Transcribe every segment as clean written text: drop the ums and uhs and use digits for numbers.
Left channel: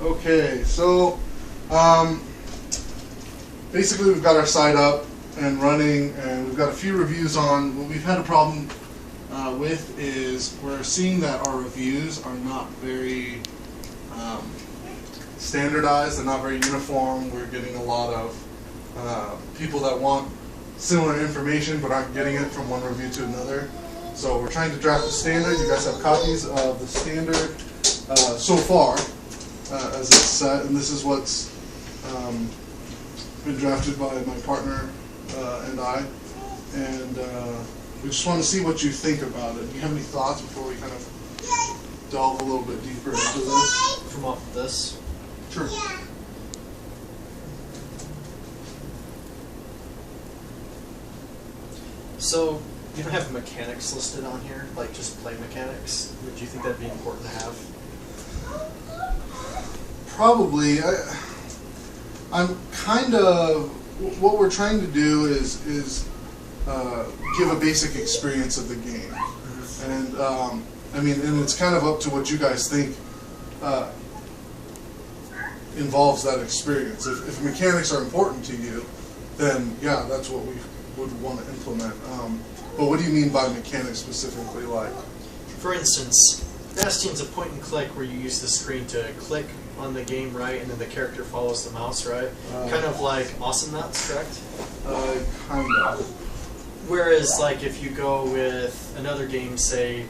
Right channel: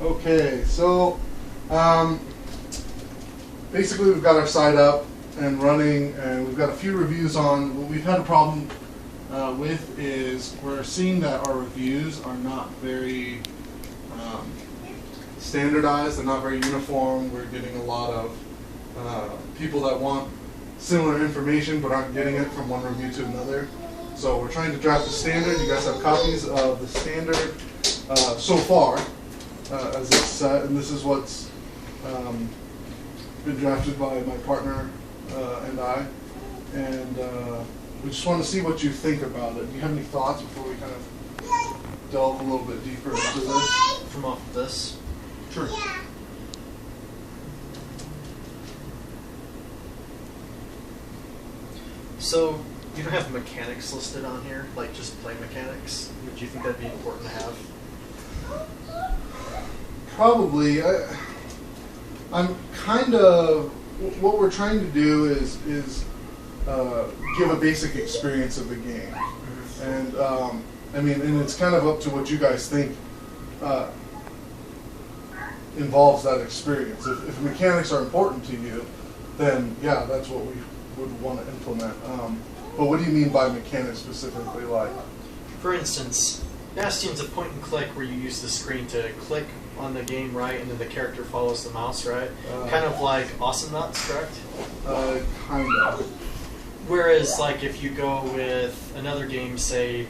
Okay, so basically we've got our site up and running, and we've got a few reviews on. What we've had a problem with is we're seeing that our reviews are not very standardized. They're not very uniform. We're getting a lot of people that want similar information but aren't getting it from one review to another. So we're trying to draft a standard. You guys have copies of the standard so far as it's set, and this is what's been drafted by my partner and I. And we just want to see what you think about it. Do you have any thoughts before we kind of delve a little bit deeper into this? From off of this? Sure. So, you don't have mechanics listed on here, like just play mechanics. Would you think that'd be important to have? Probably. I'm kind of, what we're trying to do is give a basic experience of the game. Mm-hmm. And I mean, and it's kind of up to what you guys think involves that experience. If mechanics are important to you, then yeah, that's what we would want to implement. But what do you mean by mechanics specifically? Like, for instance, Bastion's a point and click where you use the screen to click on the game, right, and then the character follows the mouse, right? Kind of like Awesome Nuts, correct? Kind of. Whereas, like, if you go with another game, say,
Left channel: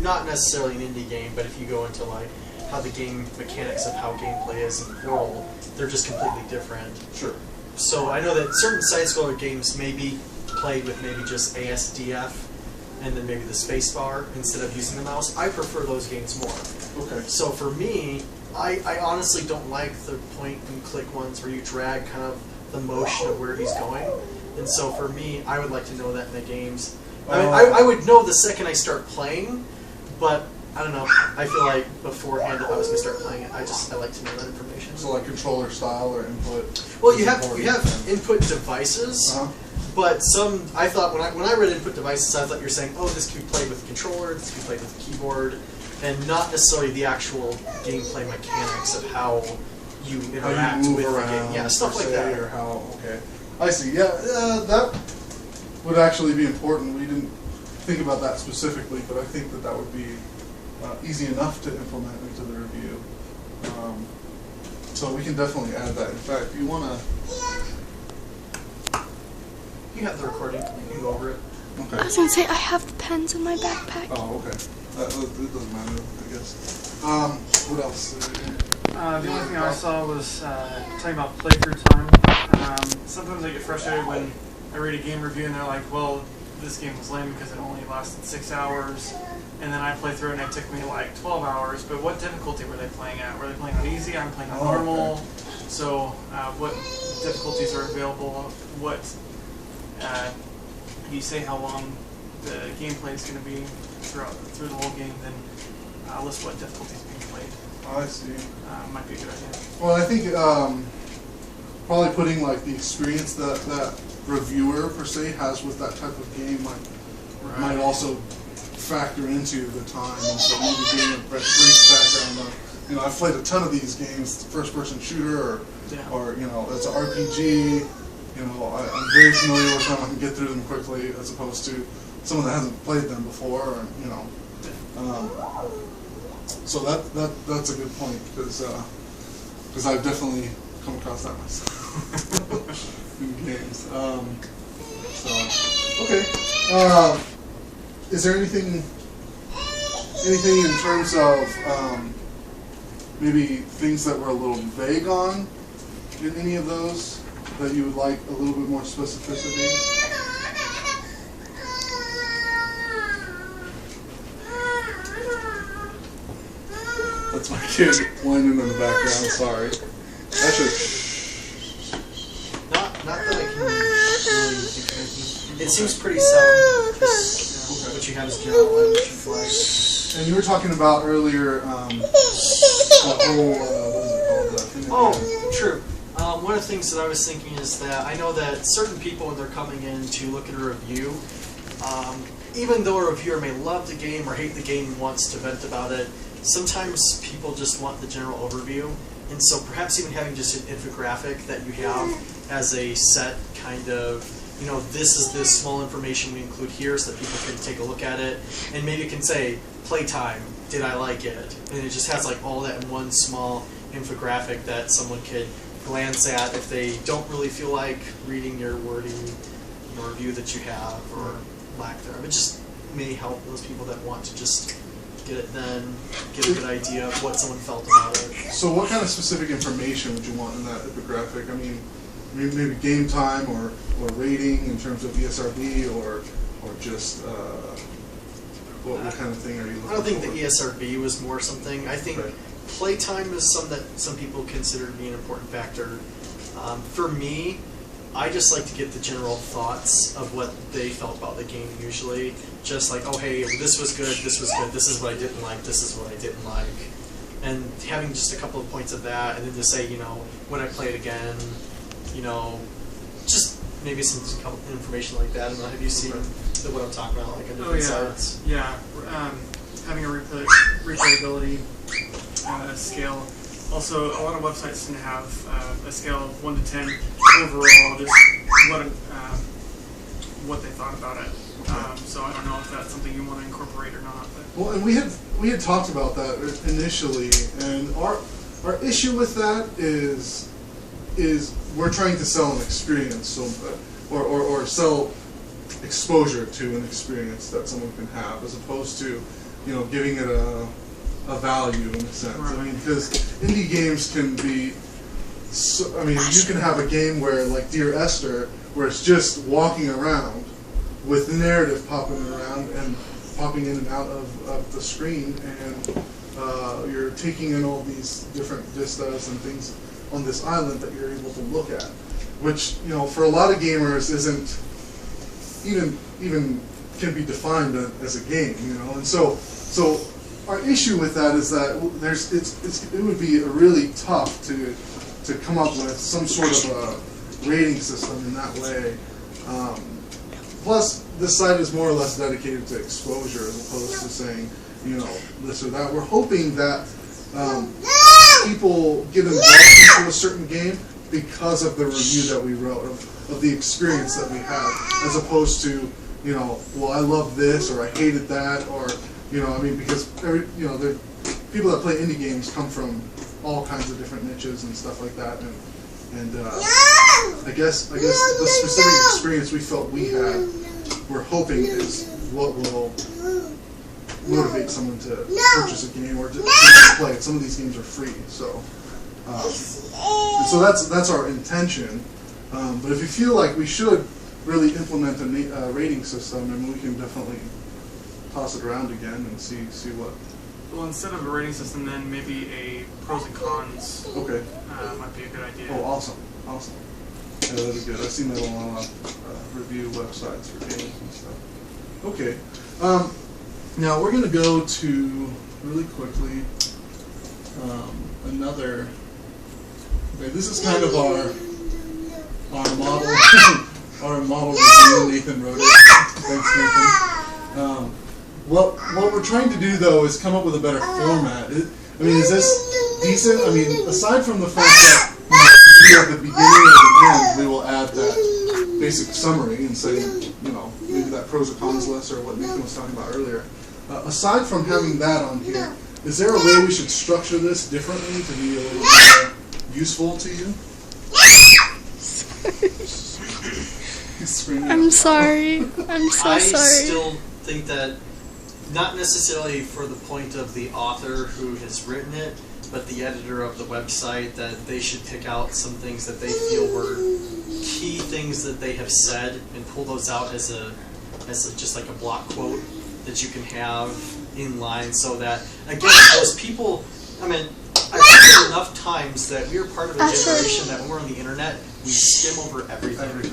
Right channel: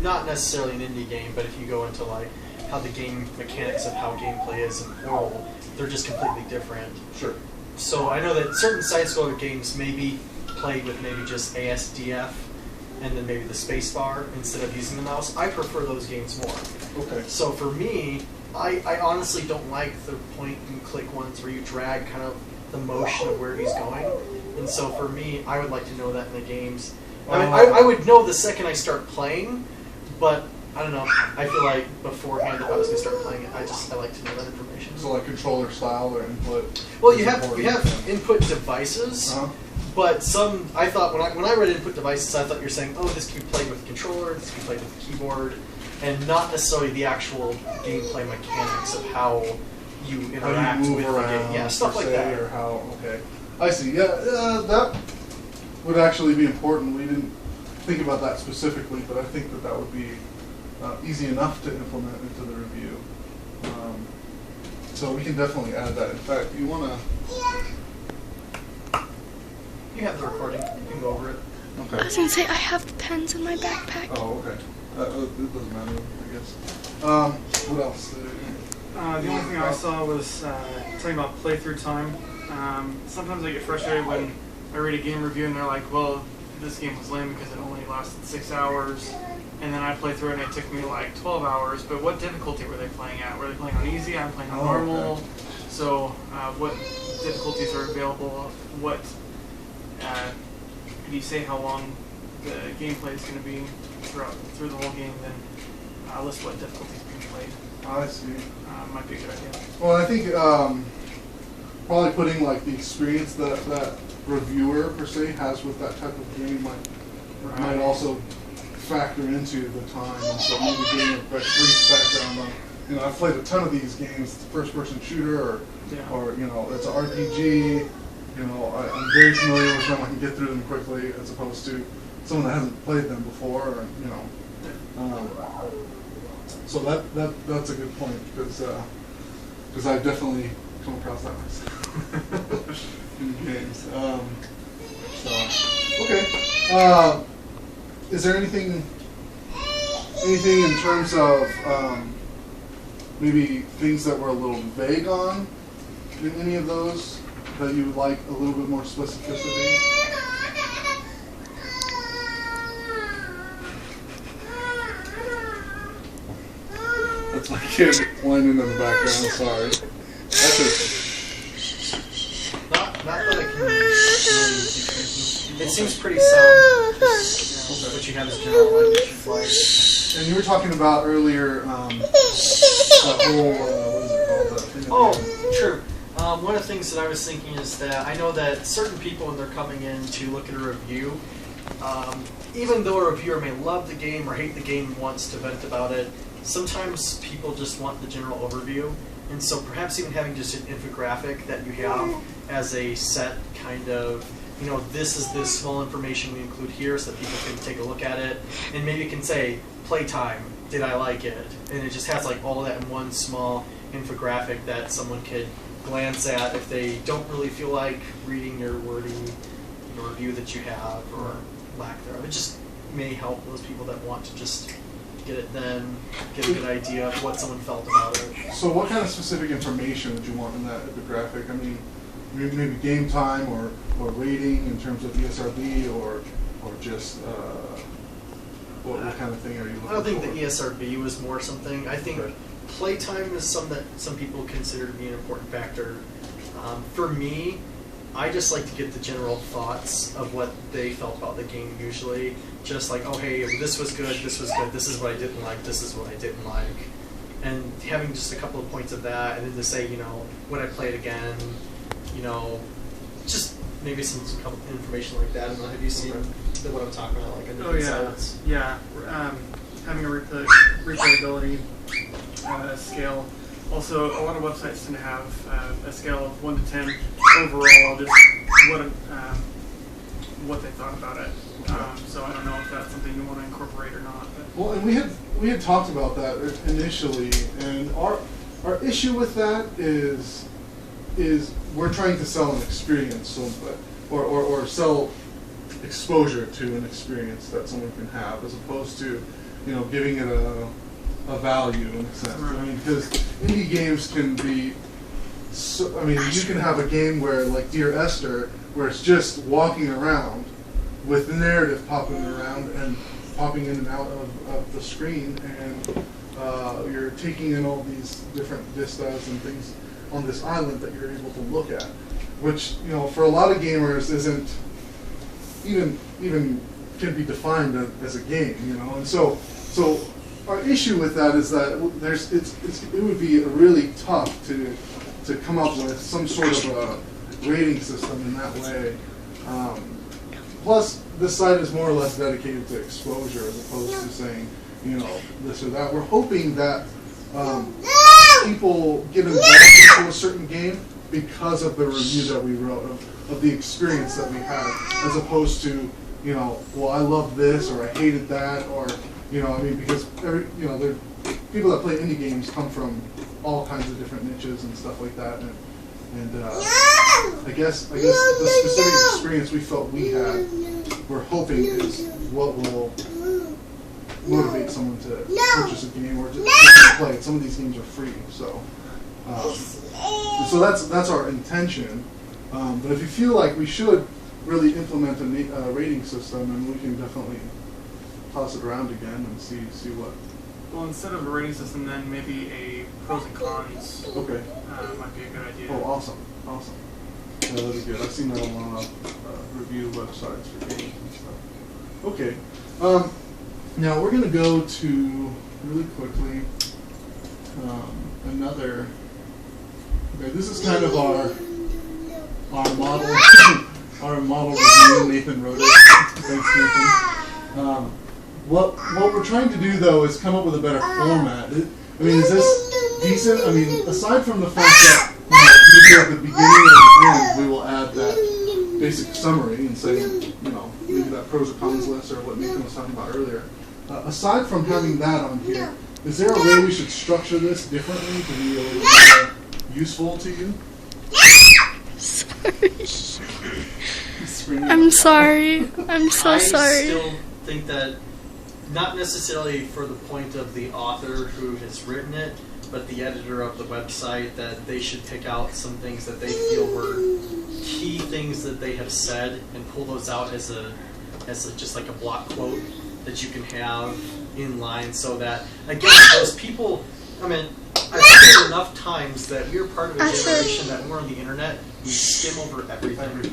not necessarily an indie game, but if you go into like how the game mechanics of how gameplay is in Portal, they're just completely different. Sure. So I know that certain side-scroller games may be played with maybe just ASDF and then maybe the space bar instead of using the mouse. I prefer those games more. Okay. So for me, I honestly don't like the point-and-click ones where you drag kind of the motion of where he's going. And so for me, I would like to know that in the games. I mean, I would know the second I start playing, but I don't know. I feel like beforehand, if I was going to start playing it, I like to know that information. So like controller style or input? Well, you have input devices, but some, I thought, when I read input devices, I thought you were saying, oh, this can be played with a controller, this can be played with a keyboard, and not necessarily the actual gameplay mechanics of how you interact with the game. Yeah, stuff like that. Or how, okay. I see. Yeah, that would actually be important. We didn't think about that specifically, but I think that would be easy enough to implement into the review. So we can definitely add that. In fact, you want to... You have the recording. You can go over it. Okay. I was going to say, I have the pens in my backpack. Oh, okay. It doesn't matter, I guess. What else? The only thing I saw was talking about playthrough time. Sometimes I get frustrated when I read a game review and they're like, well, this game was lame because it only lasted 6 hours. And then I play through it and it took me like 12 hours. But what difficulty were they playing at? Were they playing on easy? I'm playing on normal. Okay. So what difficulties are available? What do you say how long the gameplay is going to be through the whole game? Then list what difficulties being played. I see. Might be a good idea. Well, I think probably putting like the experience that reviewer per se has with that type of game might also factor into the time, and so maybe getting a brief background on, you know, I've played a ton of these games, first-person shooter, or you know, it's an RPG. You know, I'm very familiar with them. I can get through them quickly, as opposed to someone that hasn't played them before. Or, you know, so that's a good point because I've definitely come across that myself in games. So okay. Is there anything in terms of maybe things that were a little vague on in any of those that you would like a little bit more specificity? That's my kid whining in the background, sorry. That's Not that I can really think of anything. It seems pretty sound, just what you have is general language you like. And you were talking about earlier that whole, what is it called? Thing True. One of the things that I was thinking is that I know that certain people, when they're coming in to look at a review, even though a reviewer may love the game or hate the game and wants to vent about it, sometimes people just want the general overview, and so perhaps even having just an infographic that you have as a set kind of, you know, this is this small information we include here so that people can take a look at it, and maybe it can say, playtime, did I like it? And it just has like all that in one small infographic that someone could glance at if they don't really feel like reading your wording, your review that you have, or lack thereof. It just may help those people that want to just get it then, get a good idea of what someone felt about it. So what kind of specific information would you want in that infographic? I mean, maybe game time or rating in terms of ESRB or just what kind of thing are you looking for? I don't think the ESRB was more something. I think Okay. playtime is something that some people consider to be an important factor. For me, I just like to get the general thoughts of what they felt about the game usually. Just like, oh hey, this was good, this was good, this is what I didn't like, this is what I didn't like. And having just a couple of points of that, and then to say, you know, would I play it again, you know, just maybe some couple information like that. I don't know, have you seen what I'm talking about, like under sites? Yeah. Having a replayability scale. Also, a lot of websites tend to have a scale of 1 to 10 overall, just what they thought about it. So I don't know if that's something you want to incorporate or not. But. Well, and we had talked about that initially, and our issue with that is we're trying to sell an experience, so or sell exposure to an experience that someone can have, as opposed to, you know, giving it a value in a sense. Right. I mean, because indie games can be, so, I mean, you can have a game where, like Dear Esther, where it's just walking around with the narrative popping around and popping in and out of the screen, and you're taking in all these different vistas and things on this island that you're able to look at, which, you know, for a lot of gamers isn't even can be defined as a game, you know. And so our issue with that is that it would be really tough to come up with some sort of a rating system in that way. Plus, this site is more or less dedicated to exposure as opposed to saying, you know, this or that. We're hoping that people get involved into a certain game because of the review that we wrote, of the experience that we had, as opposed to, you know, well, I love this or I hated that, or, you know, I mean, because the people that play indie games come from all kinds of different niches and stuff like that, and I guess the specific experience we felt we had, we're hoping is what will motivate someone to purchase a game or to play it. Some of these games are free, so that's our intention. But if you feel like we should really implement a rating system, and we can definitely toss it around again and see what. Well, instead of a rating system, then maybe a pros and cons. Okay. Might be a good idea. Oh, awesome. Yeah, that'd be good. I've seen that on a lot of review websites for games and stuff. Okay. Now we're going to go to, really quickly, another. Okay, this is kind of our model our model review. Nathan wrote it. Thanks, Nathan. What we're trying to do, though, is come up with a better format. I mean, is this decent? I mean, aside from the fact that, you know, maybe at the beginning or the end we will add that basic summary and say, you know, maybe that pros and cons list or what Nathan was talking about earlier. Aside from having that on here, is there a way we should structure this differently to be a little more useful to you? I'm sorry. I'm so I sorry. still think that, not necessarily for the point of the author who has written it, but the editor of the website, that they should pick out some things that they feel were key things that they have said and pull those out as just like a block quote that you can have in line, so that, again, those people, I mean, I've seen it enough times that we're part of a generation that when we're on the internet, we skim over everything.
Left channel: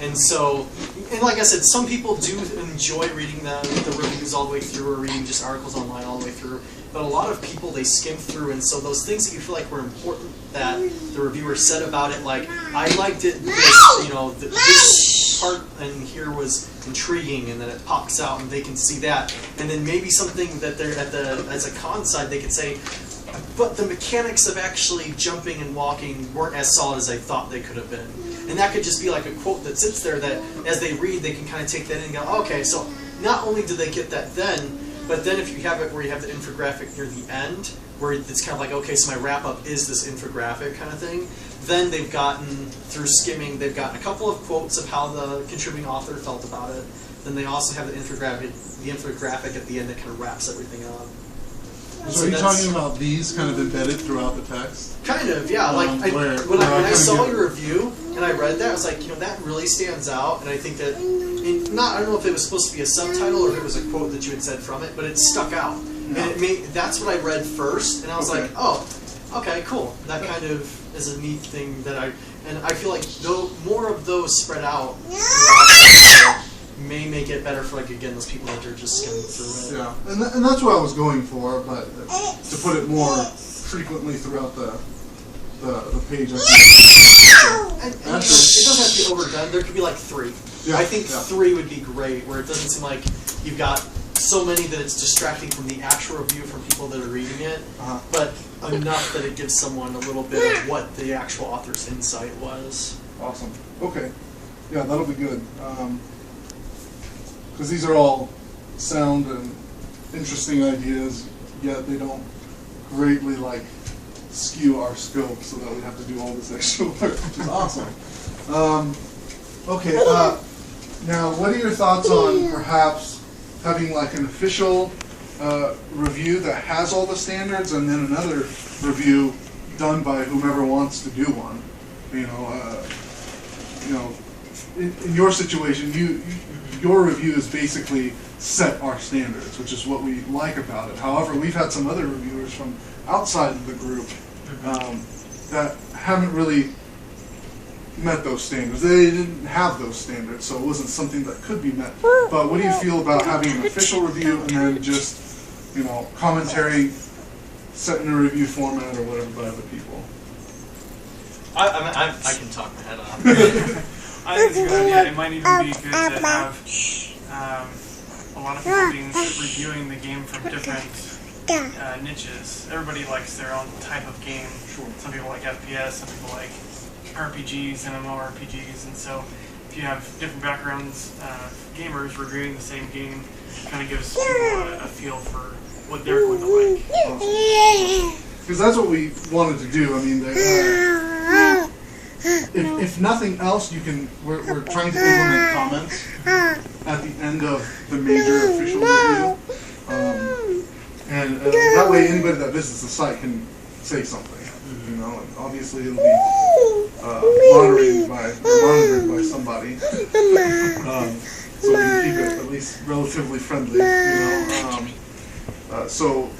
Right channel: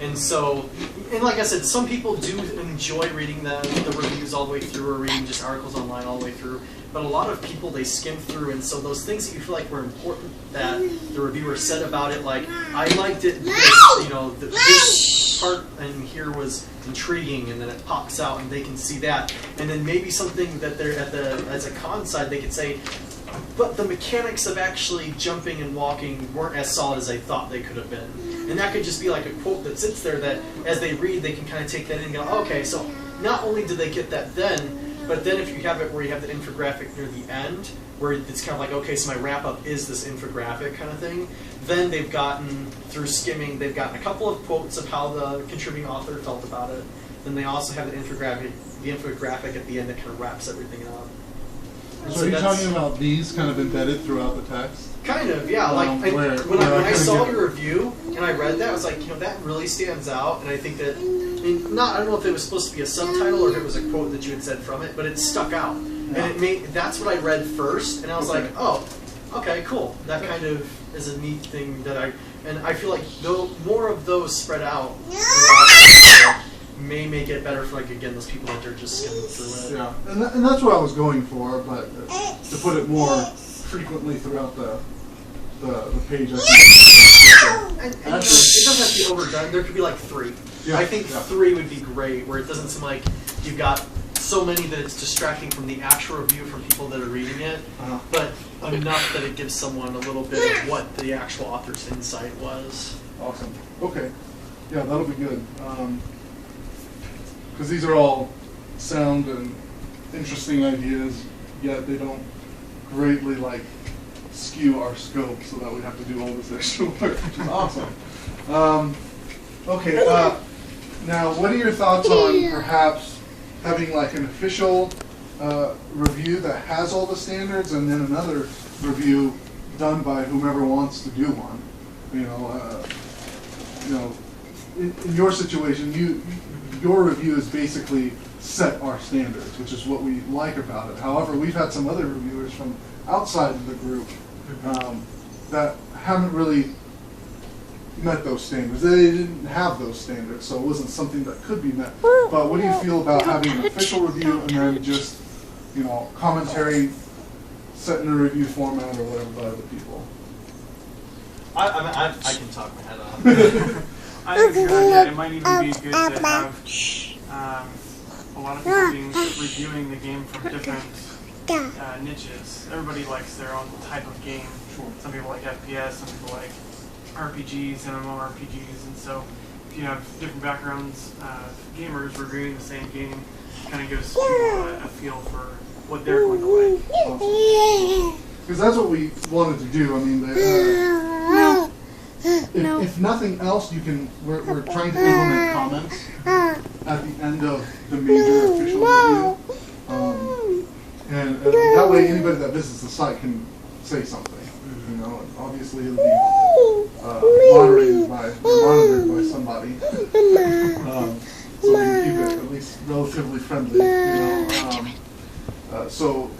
And so, and like I said, some people do enjoy reading the reviews all the way through, or reading just articles online all the way through. But a lot of people, they skim through, and so those things that you feel like were important that the reviewer said about it, like, I liked it, this, you know, this this part in here was intriguing, and then it pops out and they can see that. And then maybe something that they're as a con side, they could say, but the mechanics of actually jumping and walking weren't as solid as I thought they could have been. And that could just be like a quote that sits there that as they read, they can kind of take that in and go, okay, so not only do they get that then, but then if you have it where you have the infographic near the end, where it's kind of like, okay, so my wrap-up is this infographic kind of thing, then they've gotten, through skimming, they've gotten a couple of quotes of how the contributing author felt about it. Then they also have the infographic at the end that kind of wraps everything up. And So are you talking about these kind of embedded throughout the text? Kind of, yeah. Like when I saw your review and I read that, I was like, you know, that really stands out. And I think that, I don't know if it was supposed to be a subtitle or if it was a quote that you had said from it, but it stuck out. Yeah. And that's what I read first, and I was like, oh, okay, cool. That kind of is a neat thing that I feel like though more of those spread out may make it better for, like, again, those people that are just skimming through it. Yeah, and that's what I was going for, but to put it more frequently throughout the page, I think. And it doesn't have to be overdone. There could be like 3. Yeah, I think 3 would be great, where it doesn't seem like you've got so many that it's distracting from the actual review from people that are reading it, but enough that it gives someone a little bit of what the actual author's insight was. Awesome. Okay. Yeah, that'll be good. Because these are all sound and interesting ideas, yet they don't greatly skew our scope so that we have to do all this extra work, which is awesome. Okay. Now, what are your thoughts on perhaps having an official review that has all the standards, and then another review done by whomever wants to do one? In your situation, your review is basically set our standards, which is what we like about it. However, we've had some other reviewers from outside of the group that haven't really met those standards. They didn't have those standards, so it wasn't something that could be met. But what do you feel about having an official review and then just, commentary set in a review format or whatever by other people? I can talk my head off. I think it's a good idea. It might even be good to have a lot of people reviewing the game from different niches. Everybody likes their own type of game. Some people like FPS, some people like RPGs, MMORPGs, and so if you have different backgrounds of gamers reviewing the same game, it kind of gives people a feel for what they're going to like. Awesome. Because that's what we wanted to do. I mean, if nothing else, we're trying to implement comments at the end of the major official review, and that way anybody that visits the site can say something. And obviously it'll be monitored by somebody, so we can keep it at least relatively friendly. So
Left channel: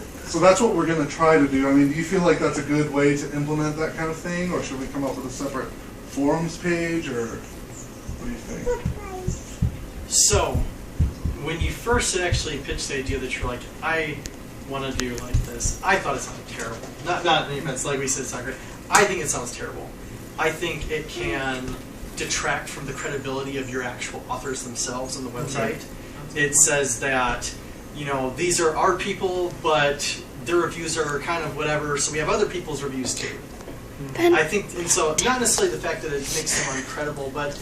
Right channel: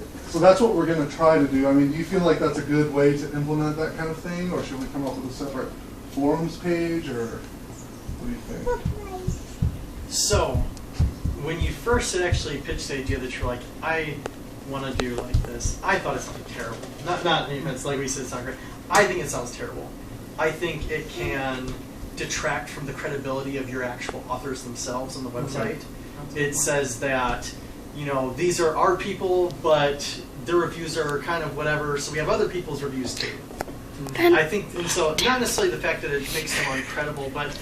that's what we're going to try to do. I mean, do you feel like that's a good way to implement that kind of thing, or should we come up with a separate forums page, or what do you think? So, when you first had actually pitched the idea that you're like, I want to do like this, I thought it sounded terrible. Not in the events like we said it's not great. I think it sounds terrible. I think it can detract from the credibility of your actual authors themselves on the website. It says that, these are our people, but their reviews are kind of whatever, so we have other people's reviews too. I think, and so not necessarily the fact that it makes them uncredible, but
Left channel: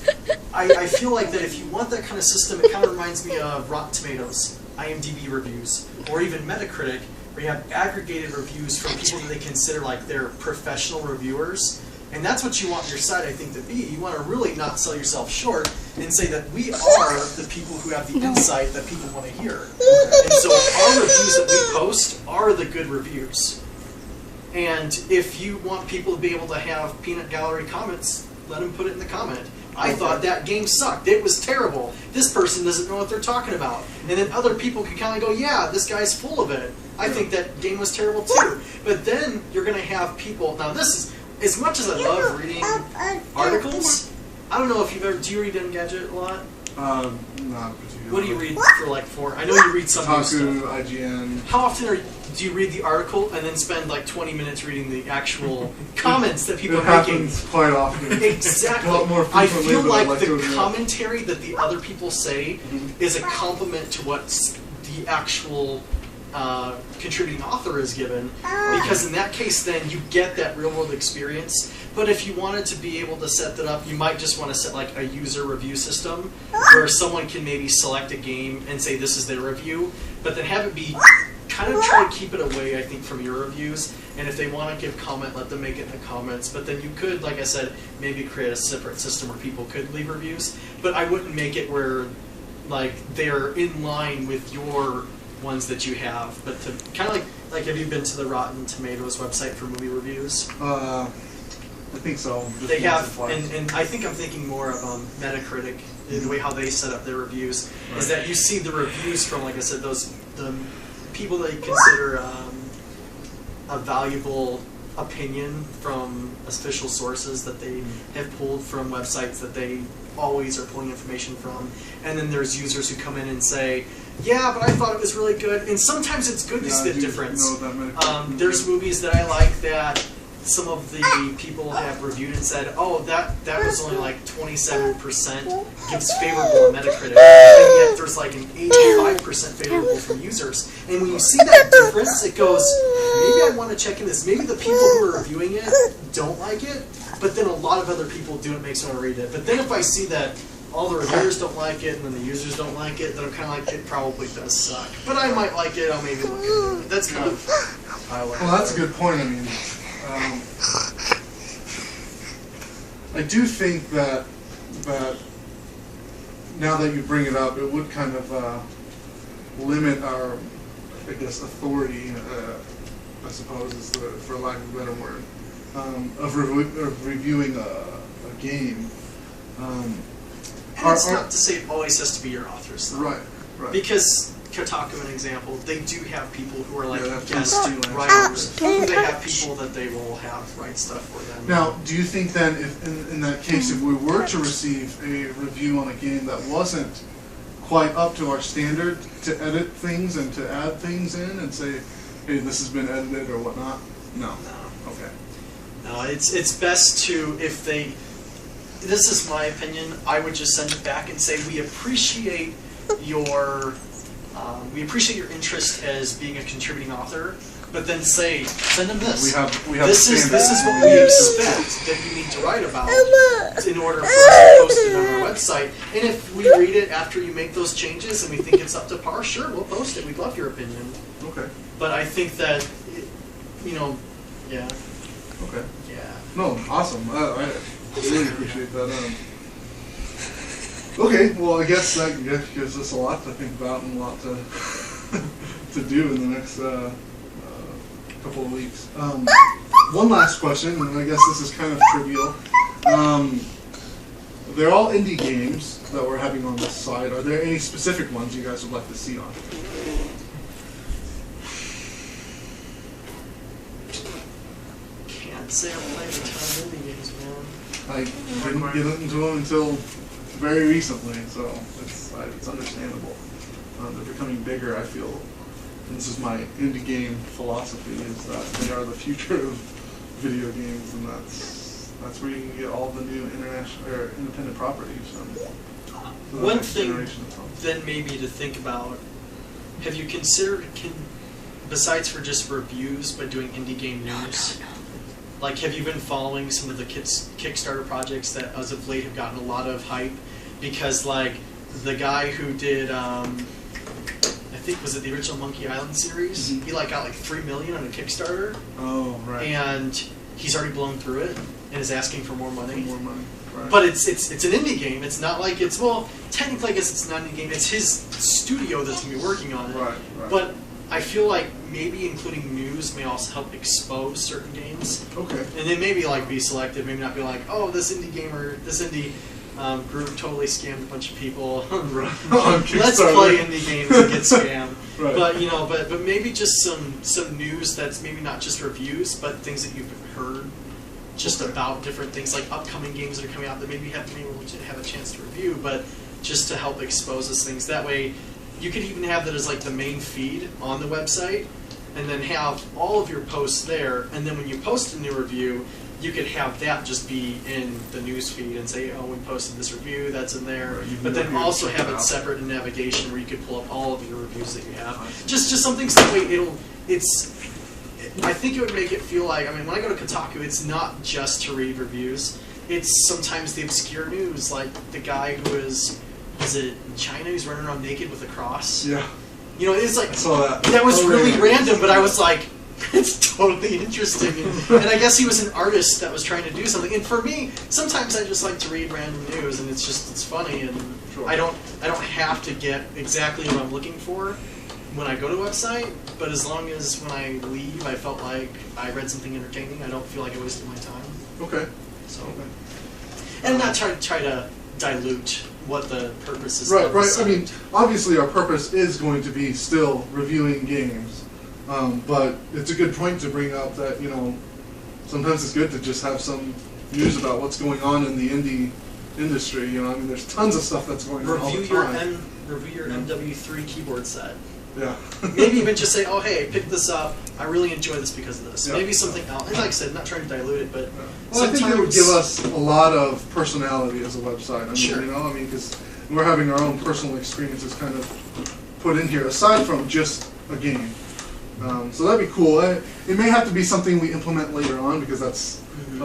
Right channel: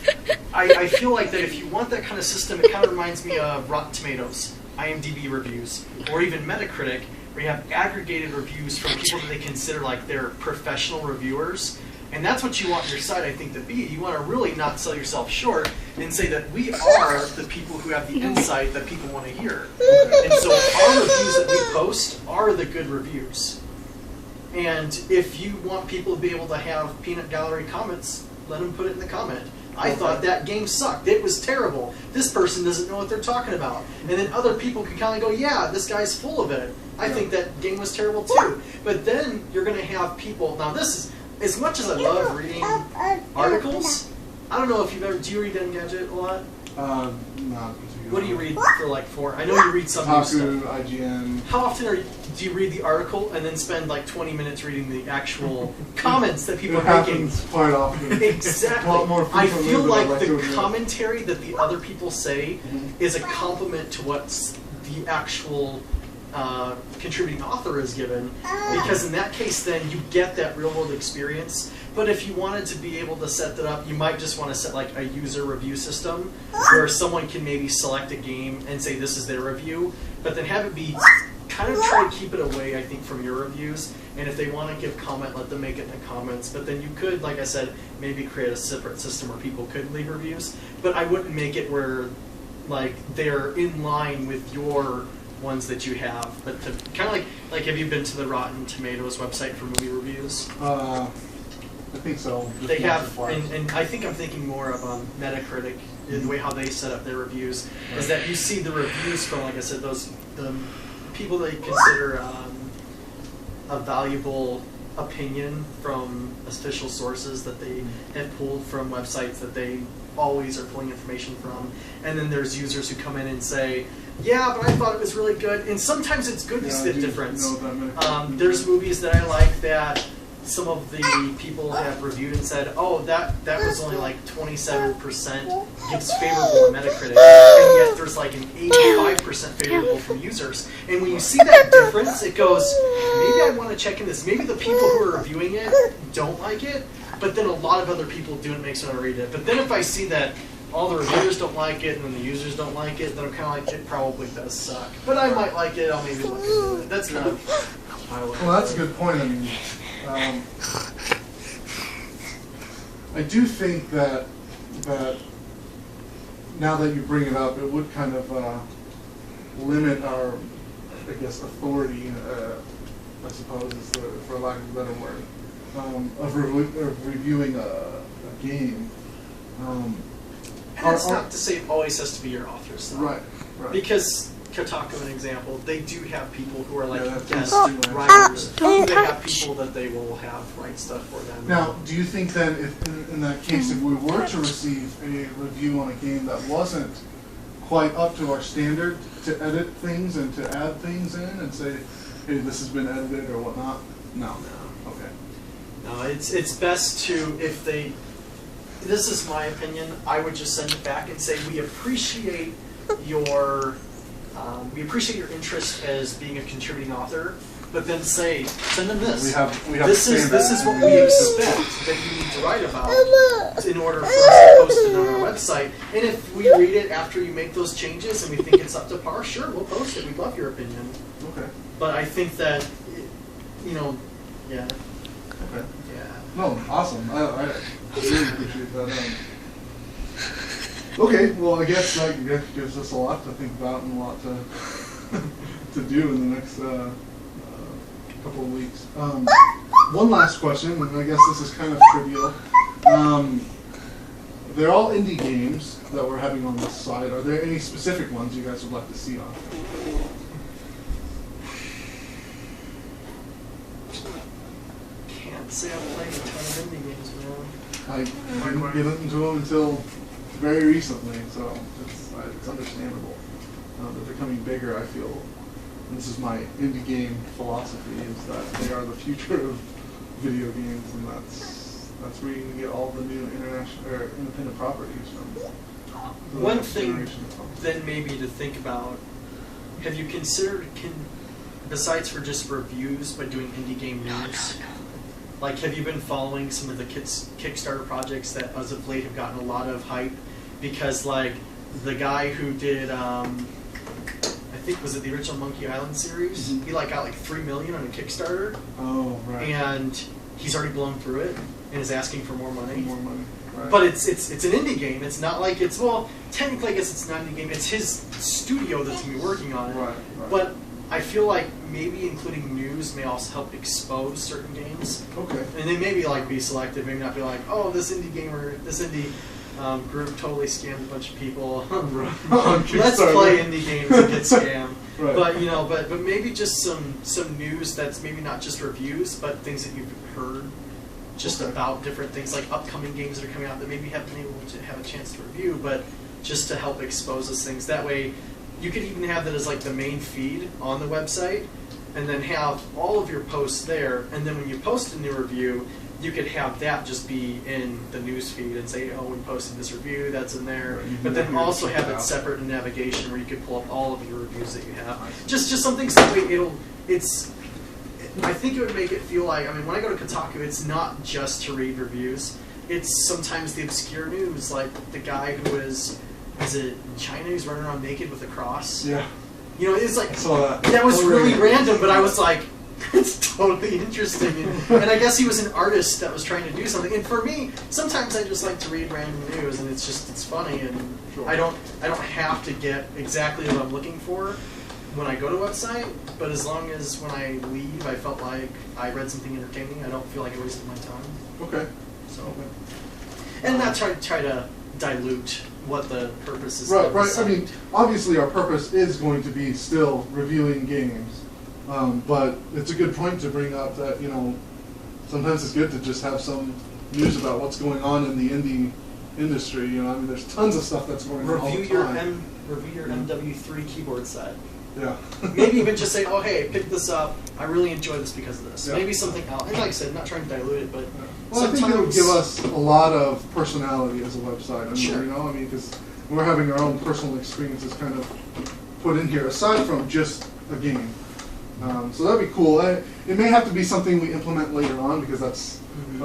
I feel like that if you want that kind of system, it kind of reminds me of Rotten Tomatoes, IMDb reviews, or even Metacritic, where you have aggregated reviews from people that they consider like their professional reviewers. And that's what you want your site, I think, to be. You want to really not sell yourself short and say that we are the people who have the insight that people want to hear. And so our reviews that we post are the good reviews. And if you want people to be able to have peanut gallery comments, let them put it in the comment. I thought that game sucked. It was terrible. This person doesn't know what they're talking about. And then other people can kind of go, yeah, this guy's full of it. I think that game was terrible too. But then you're going to have people, now this is, as much as I love reading articles, I don't know if you've ever, do you read Engadget a lot? Not particularly. What do you read for? I know you read some news Kotaku, stuff. IGN. How often do you read the article and then spend like 20 minutes reading the actual comments that people It are making? happens quite often. Exactly. A lot more I frequently feel than I'd like to the admit. commentary that the other people say is a compliment to what the actual contributing author is given, because in that case then you get that real world experience. But if you wanted to be able to set that up, you might just want to set like a user review system where someone can maybe select a game and say this is their review, but then have it be kind of try to keep it away, I think, from your reviews. And if they want to give comment, let them make it in the comments. But then you could, like I said, maybe create a separate system where people could leave reviews. But I wouldn't make it where like they're in line with your ones that you have. But to kind of like have you been to the Rotten Tomatoes website for movie reviews? I think so. Just They once have, or twice. and I think I'm thinking more of Metacritic, the way how they set up their reviews, is that you see the reviews from, like I said, the people that you consider a valuable opinion from official sources that they have pulled from websites that they always are pulling information from. And then there's users who come in and say, yeah, but I thought it was really good. And sometimes it's good to see the difference. There's movies that I like that some of the people have reviewed and said, oh, that was only like 27% gives favorable on Metacritic, and yet there's like an 85% favorable from users. And when you see that difference, it goes, maybe I want to check in this. Maybe the people who are reviewing it don't like it, but then a lot of other people do, and it makes me want to read it. But then if I see that all the reviewers don't like it and then the users don't like it, then I'm kind of like, it probably does suck. But I might like it, I'll maybe look into it. That's kind of how I look at it. Well, that's a good point. I mean, I do think that now that you bring it up, it would kind of limit our, I guess, authority, I suppose, is for lack of a better word, of reviewing a game. And it's not to say it always has to be your authors, though. Right. Because Kotaku, an example, they do have people who are like guest freelance writers. Don't They have touch. people that they will have write stuff for them. Now, do you think then, if in that case, if we were to receive a review on a game that wasn't quite up to our standard, to edit things and to add things in and say, hey, this has been edited or whatnot? No. Okay. No, it's best to, if they, this is my opinion, I would just send it back and say, we appreciate your interest as being a contributing author, but then send them this. We have this is standards. what we expect that you need to write about in order for us to post it on our website. And if we read it after you make those changes and we think it's up to par, sure, we'll post it. We'd love your opinion. Okay. But I think that, yeah. Okay. Yeah. No, awesome. I really appreciate that. Okay, well, I guess that gives us a lot to think about and a lot to to do in the next couple of weeks. One last question, and I guess this is kind of trivial. They're all indie games that we're having on this side. Are there any specific ones you guys would like to see on? Can't say I've played a ton of indie games, man. I didn't get into them until very recently, so it's understandable. They're becoming bigger, I feel. And this is my indie game philosophy, is that they are the future of video games, and that's where you can get all the new international or independent properties from. the One next thing generation of phones. then maybe to think about, have you considered, besides for just reviews, but doing indie game news? Like, have you been following some of the Kickstarter projects that as of late have gotten a lot of hype? Because, like, the guy who did, I think, was it the original Monkey Island series? Mhm. He, like, got, like, $3 million on a Kickstarter, Oh, right. and he's already blown through it and is asking for more money. More money. Right. But it's an indie game. It's not like it's, well, technically I guess it's not an indie game. It's his studio that's going to be working on it. Right. But I feel like maybe including news may also help expose certain games. Okay. And then maybe like be selective, maybe not be like, oh, this indie group totally scammed a bunch of people. On Let's Kickstarter. play indie games and get scammed. Right. But but maybe just some news that's maybe not just reviews, but things that you've heard just Okay. about different things, like upcoming games that are coming out that maybe you haven't been able to have a chance to review, but just to help expose those things. That way, you could even have that as like the main feed on the website, and then have all of your posts there. And then when you post a new review, you could have that just be in the news feed and say, oh, we posted this review, that's in there. Right, you can but then go here also and check have it it out. separate in navigation where you could pull up all of your reviews that you have. Just something so that way I think it would make it feel like, I mean, when I go to Kotaku, it's not just to read reviews. It's sometimes the obscure news, like the guy who is it in China, he's running around naked with a cross. Yeah, You know, it's like, I saw that. that was Totally really random, but I was like, it's totally interesting. And I guess he was an artist that was trying to do something. And for me, sometimes I just like to read random news, and it's funny, and Sure. I don't have to get exactly what I'm looking for when I go to a website, but as long as when I leave I felt like I read something entertaining, I don't feel like I wasted my time. Okay. So, Okay. and not try to dilute what the purpose is. Right, of the right. I site. mean, obviously our purpose is going to be still reviewing games, but it's a good point to bring up that, you know, sometimes it's good to just have some news about what's going on in the indie industry. You know, I mean, there's tons of stuff that's going on all the time. Review your MW3 keyboard set. Yeah. Maybe even just say, oh hey, pick this up. I really enjoy this because of this. Yeah. Maybe something else. And like I said, not trying to dilute it, but Well, I think it would give us a lot of personality as a website. I mean, Sure. you know, I mean, because we're having our own personal experiences kind of put in here, aside from just a game. So that'd be cool. It may have to be something we implement later on, because that's, you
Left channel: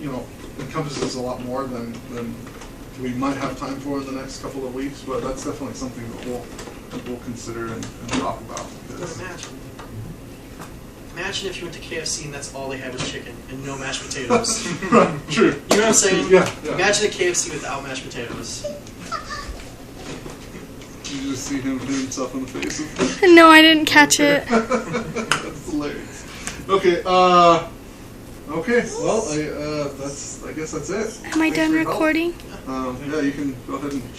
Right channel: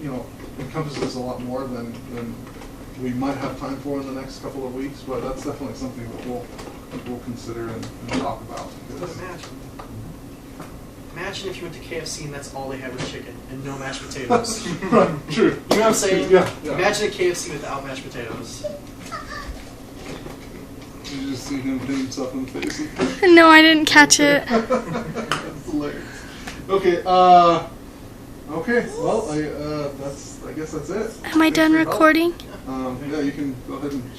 know, encompasses a lot more than we might have time for in the next couple of weeks. But that's definitely something that we'll consider and talk about. But imagine if you went to KFC and that's all they had was chicken and no mashed potatoes. Right, true. You know what I'm saying? Yeah, yeah. Imagine a KFC without mashed potatoes. Did you just see him hit himself in the face? No, I didn't catch it. That's hilarious. Okay, okay, well, I guess that's it. Am I Thanks done for your help. recording? Yeah, you can go ahead and